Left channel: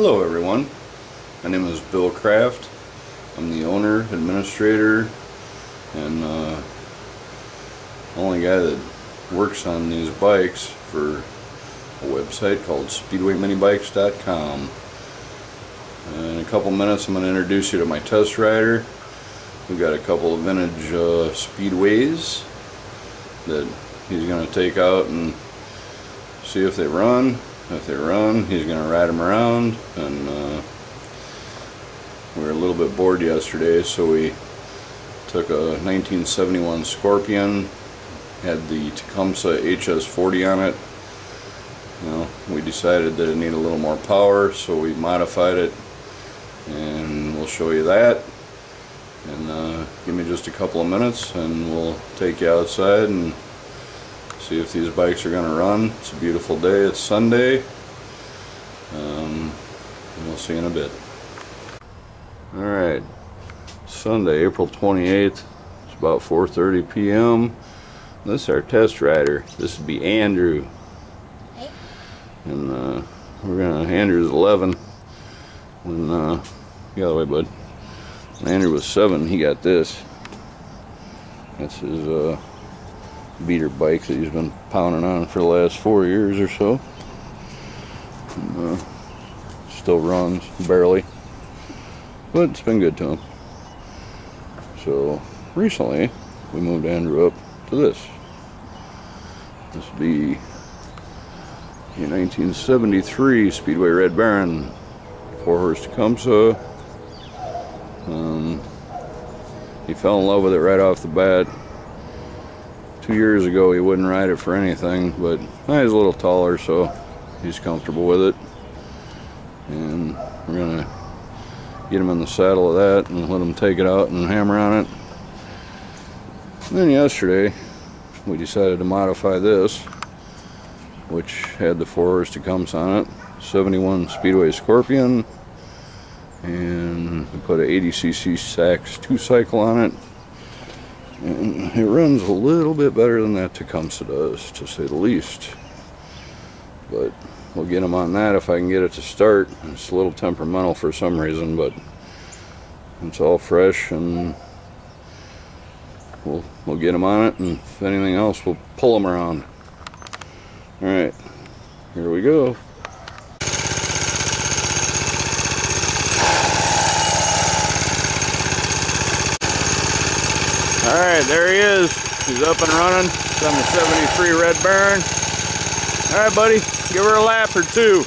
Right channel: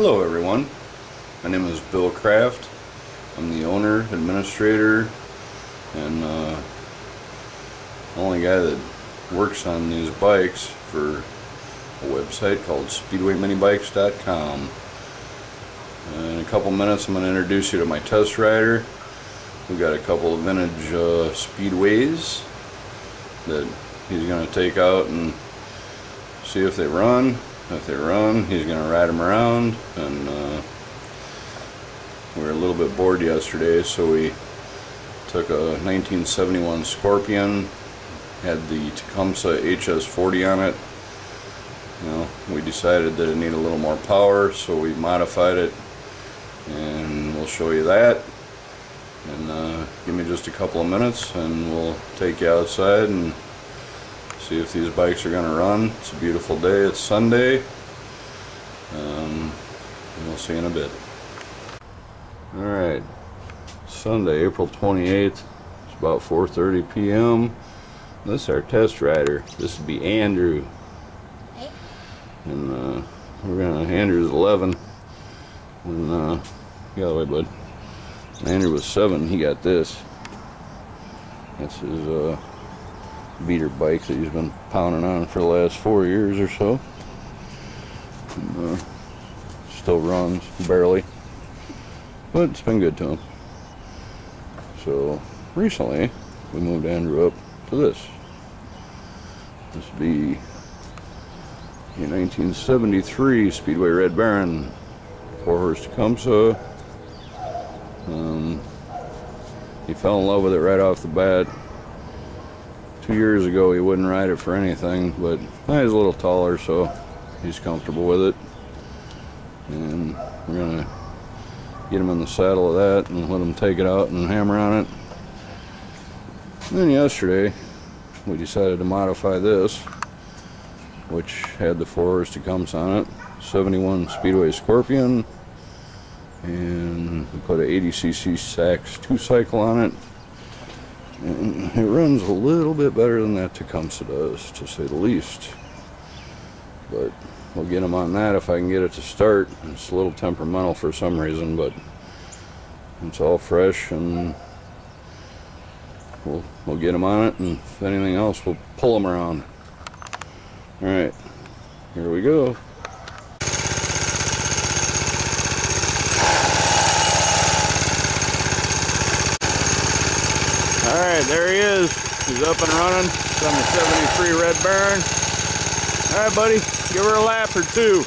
Hello everyone, my name is Bill Kraft. I'm the owner, administrator, and only guy that works on these bikes for a website called SpeedwayMinibikes.com. In a couple minutes I'm going to introduce you to my test rider. We've got a couple of vintage Speedways that he's going to take out and see if they run. If they run, he's going to ride them around, and we were a little bit bored yesterday, so we took a 1971 Scorpion, had the Tecumseh HS40 on it. You know, we decided that it needed a little more power, so we modified it, and we'll show you that. And give me just a couple of minutes and we'll take you outside and see if these bikes are going to run. It's a beautiful day. It's Sunday. And we'll see you in a bit. Alright, Sunday, April 28th. It's about 4:30 p.m. This is our test rider. This would be Andrew. Hey. And Andrew's 11. When get out of the way, bud. When Andrew was 7, he got this. That's his beater bike that he's been pounding on for the last 4 years or so. And, still runs barely, but it's been good to him. So recently we moved Andrew up to this. This would be a 1973 Speedway Red Baron, 4-horse Tecumseh. He fell in love with it right off the bat. 2 years ago he wouldn't ride it for anything, but now he's a little taller, so he's comfortable with it. And we're gonna get him in the saddle of that and let him take it out and hammer on it. And then yesterday we decided to modify this, which had the 4-horse Tecumseh on it, 71 Speedway Scorpion, and we put a 80cc Sachs 2-cycle on it. And it runs a little bit better than that Tecumseh does, to say the least. But we'll get him on that if I can get it to start. It's a little temperamental for some reason, but it's all fresh, and we'll get him on it, and if anything else, we'll pull him around. Alright, here we go. Alright, there he is. He's up and running. It's on the 73 Red Baron. Alright, buddy, give her a lap or two.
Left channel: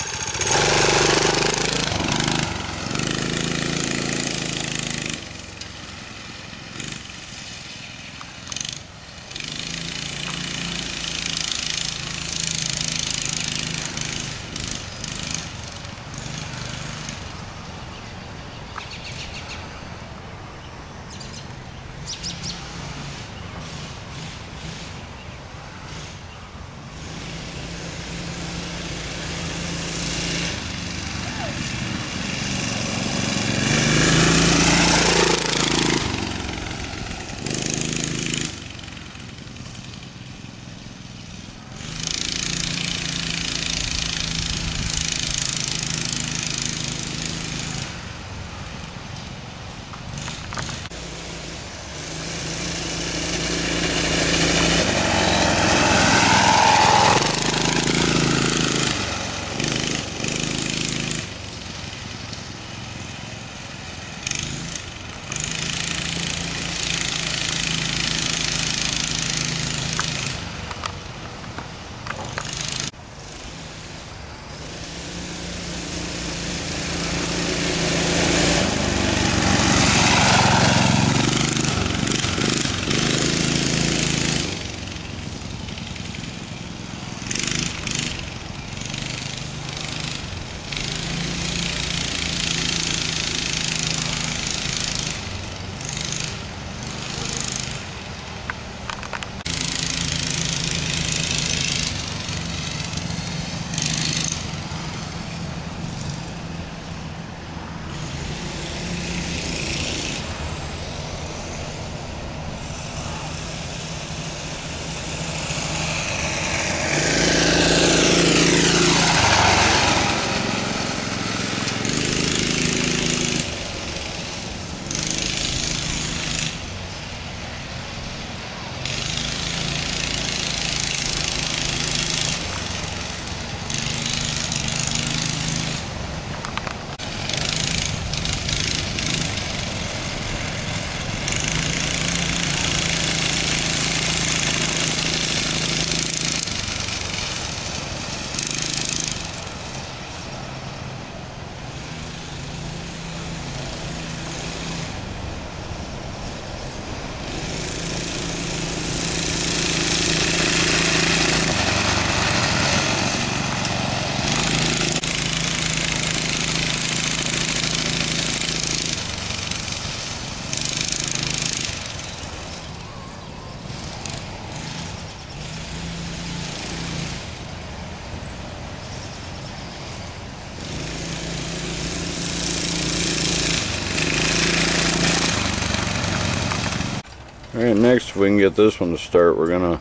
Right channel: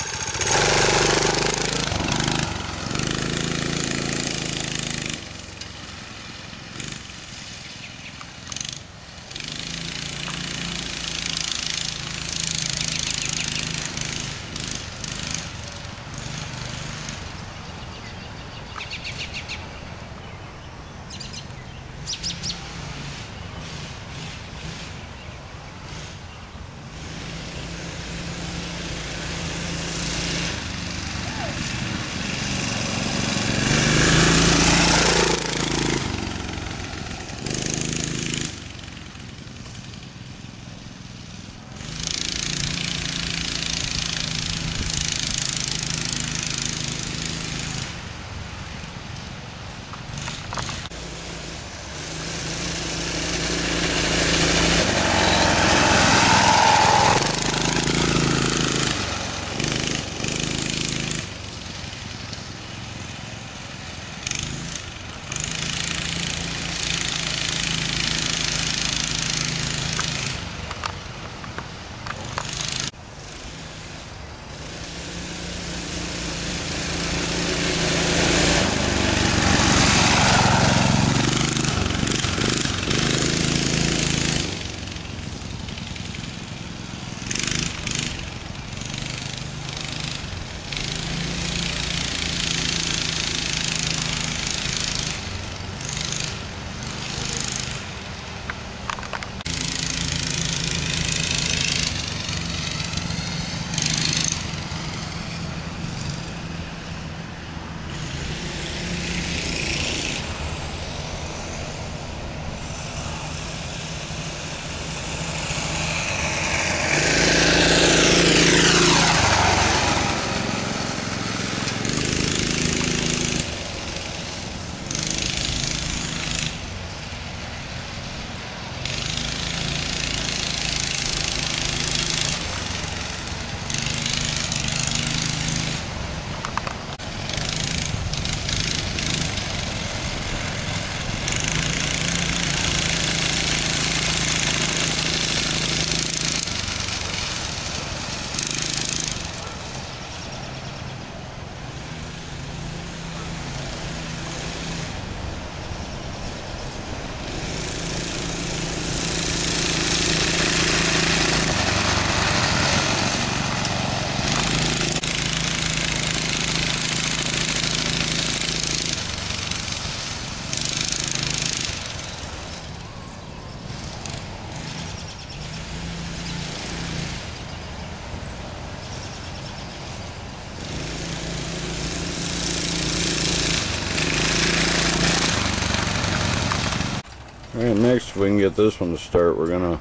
Alright, next, if we can get this one to start, we're gonna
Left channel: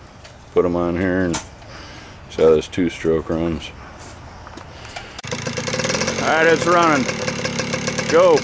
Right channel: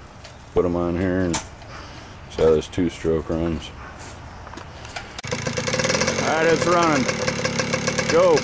put them on here and see how this 2-stroke runs. Alright, it's running. Go!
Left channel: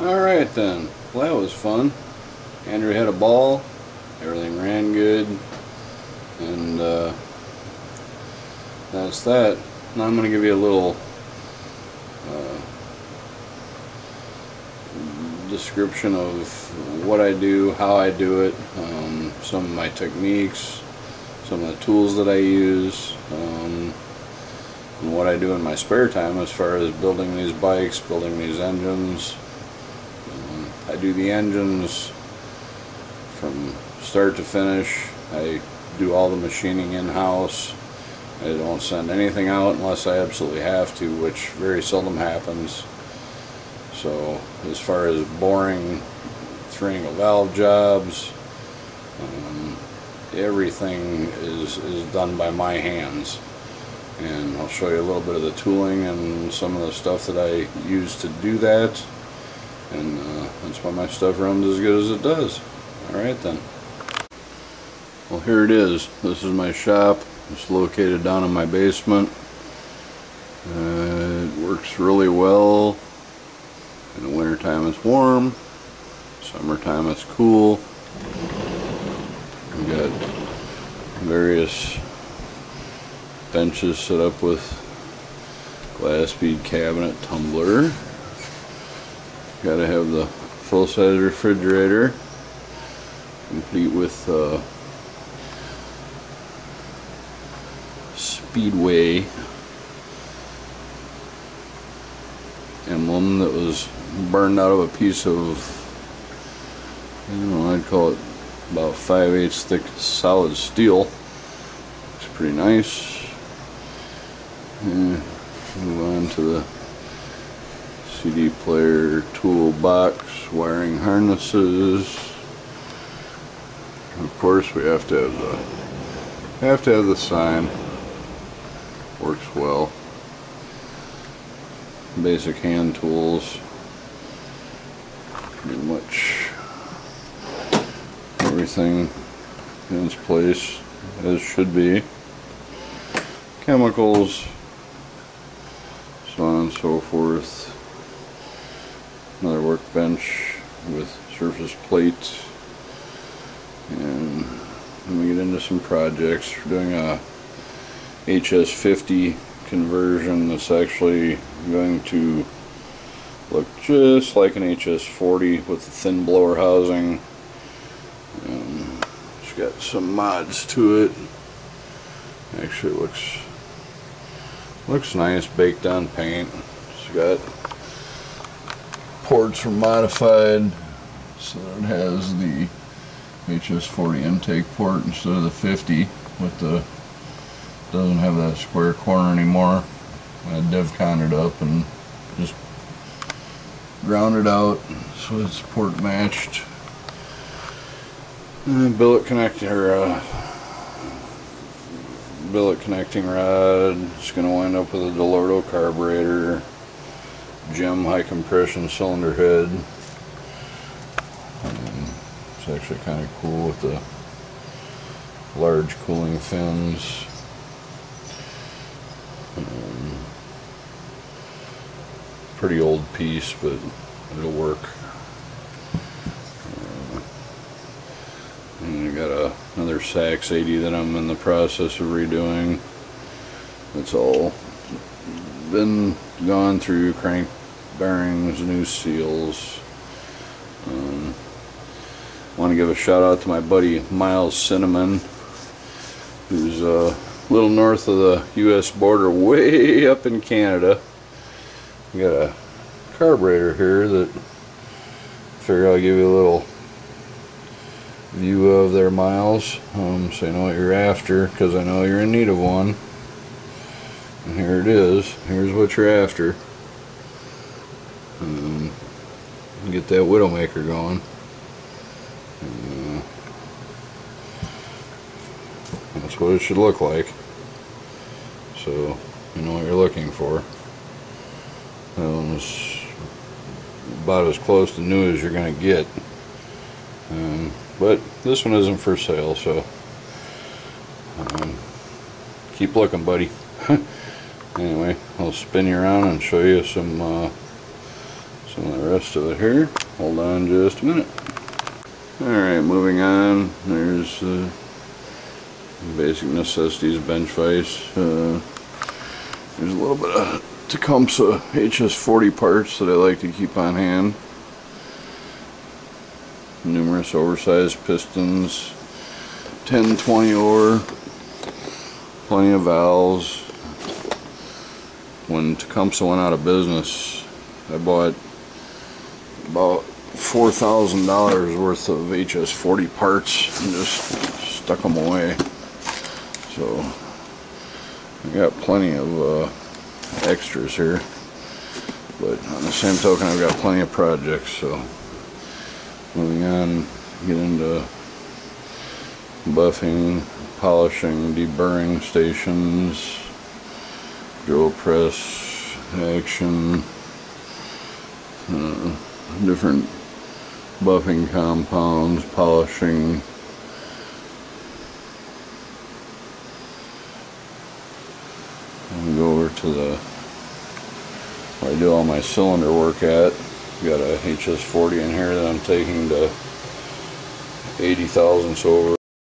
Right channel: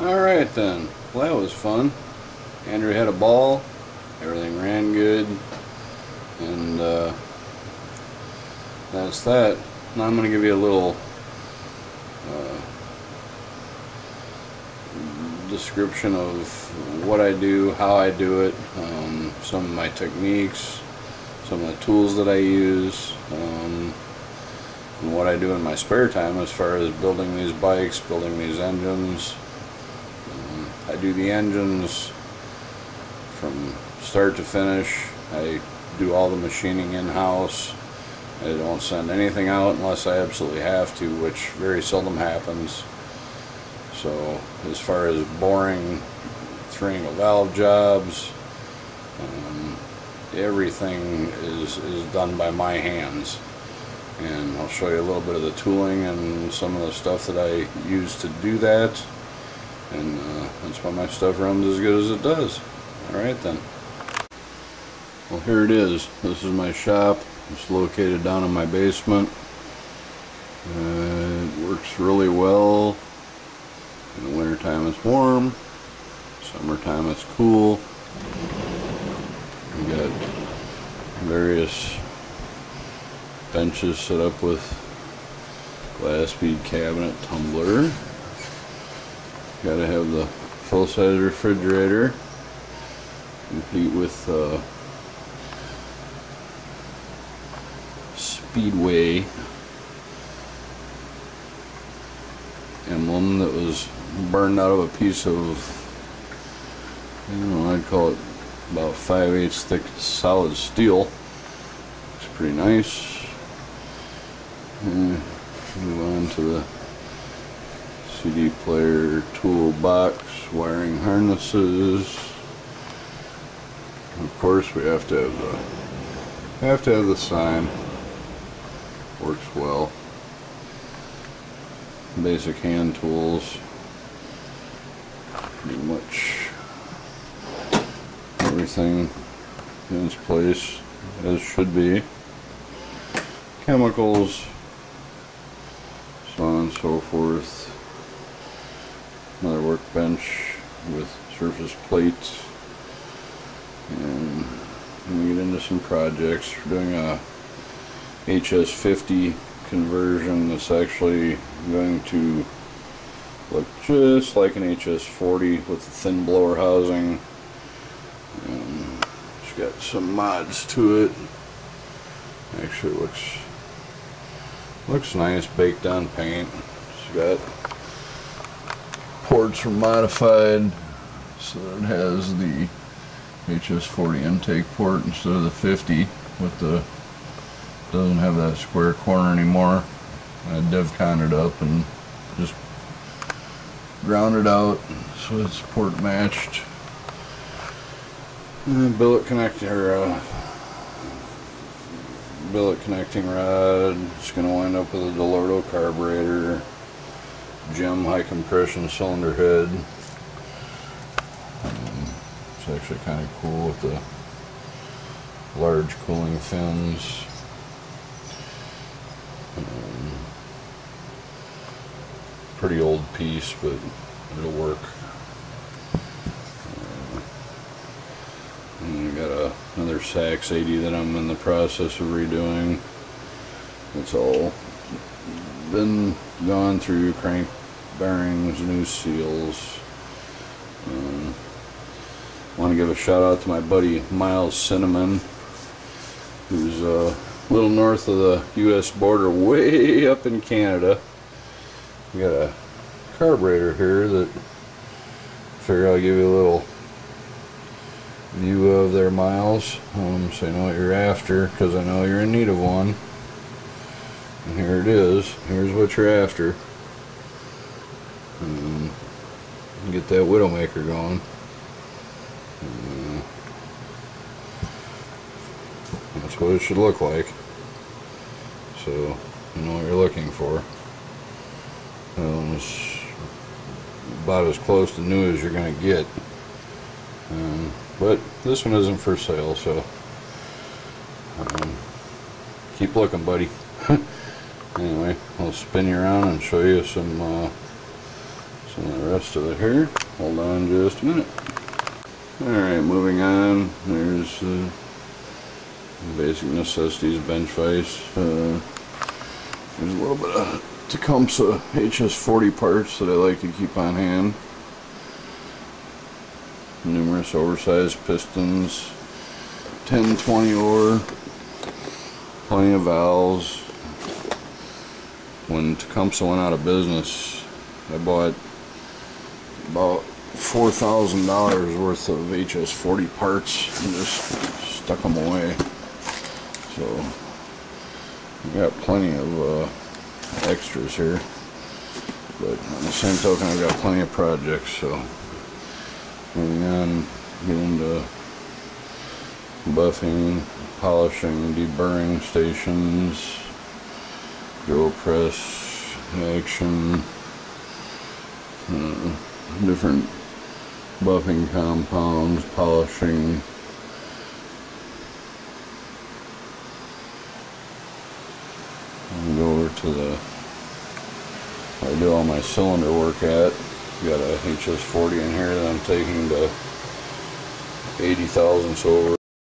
Alright then, well that was fun. Andrew had a ball, everything ran good, and that's that. Now I'm going to give you a little description of what I do, how I do it, some of my techniques, some of the tools that I use, and what I do in my spare time as far as building these bikes, building these engines. I do the engines from start to finish. I do all the machining in-house. I don't send anything out unless I absolutely have to, which very seldom happens. So as far as boring triangle valve jobs, everything is done by my hands. And I'll show you a little bit of the tooling and some of the stuff that I use to do that. And that's why my stuff runs as good as it does. Alright then. Well, here it is. This is my shop. It's located down in my basement. It works really well. In the wintertime it's warm. Summertime it's cool. We've got various benches set up with glass bead cabinet tumbler. Gotta have the full-size refrigerator, complete with Speedway emblem that was burned out of a piece of, I don't know, I'd call it about 5/8 thick solid steel. Looks pretty nice. Move on to the CD player toolbox, wiring harnesses, Of course, we have to have the sign. Works well. Basic hand tools. Pretty much everything in its place as should be. Chemicals, so on and so forth. Another workbench with surface plates. And then we get into some projects. We're doing a HS50 conversion that's actually going to look just like an HS40 with a thin blower housing. It's got some mods to it. Actually looks nice, baked on paint. It's got ports for modified, so it has the HS40 intake port instead of the 50 with the, doesn't have that square corner anymore. I DevCon it up and just ground it out so it's port matched. And then billet connecting rod. It's going to wind up with a Delorto carburetor, gem high compression cylinder head. It's actually kind of cool with the large cooling fins. Pretty old piece, but it'll work. And I got another Sachs 80 that I'm in the process of redoing. It's all been gone through, crank bearings, new seals. Want to give a shout out to my buddy Miles Cinnamon, who's a little north of the US border, way up in Canada. We got a carburetor here that I figure I'll give you a little view of there, Miles, so you know what you're after, because I know you're in need of one. And here it is. Here's what you're after. Get that Widowmaker going. That's what it should look like, so you know what you're looking for. It's about as close to new as you're going to get, but this one isn't for sale, so keep looking, buddy. Anyway, I'll spin you around and show you some of the rest of it here. Hold on just a minute. Alright, moving on. There's the basic necessities bench vise. There's a little bit of Tecumseh HS40 parts that I like to keep on hand. Numerous oversized pistons, 10-20 ore, plenty of valves. When Tecumseh went out of business, I bought about $4,000 worth of HS40 parts and just stuck them away. So I got plenty of extras here, but on the same token I've got plenty of projects. So moving on, get into buffing, polishing, deburring stations, drill press action, different buffing compounds, polishing. And go over to where I do all my cylinder work at. Got a HS40 in here that I'm taking to 80 thousandths over.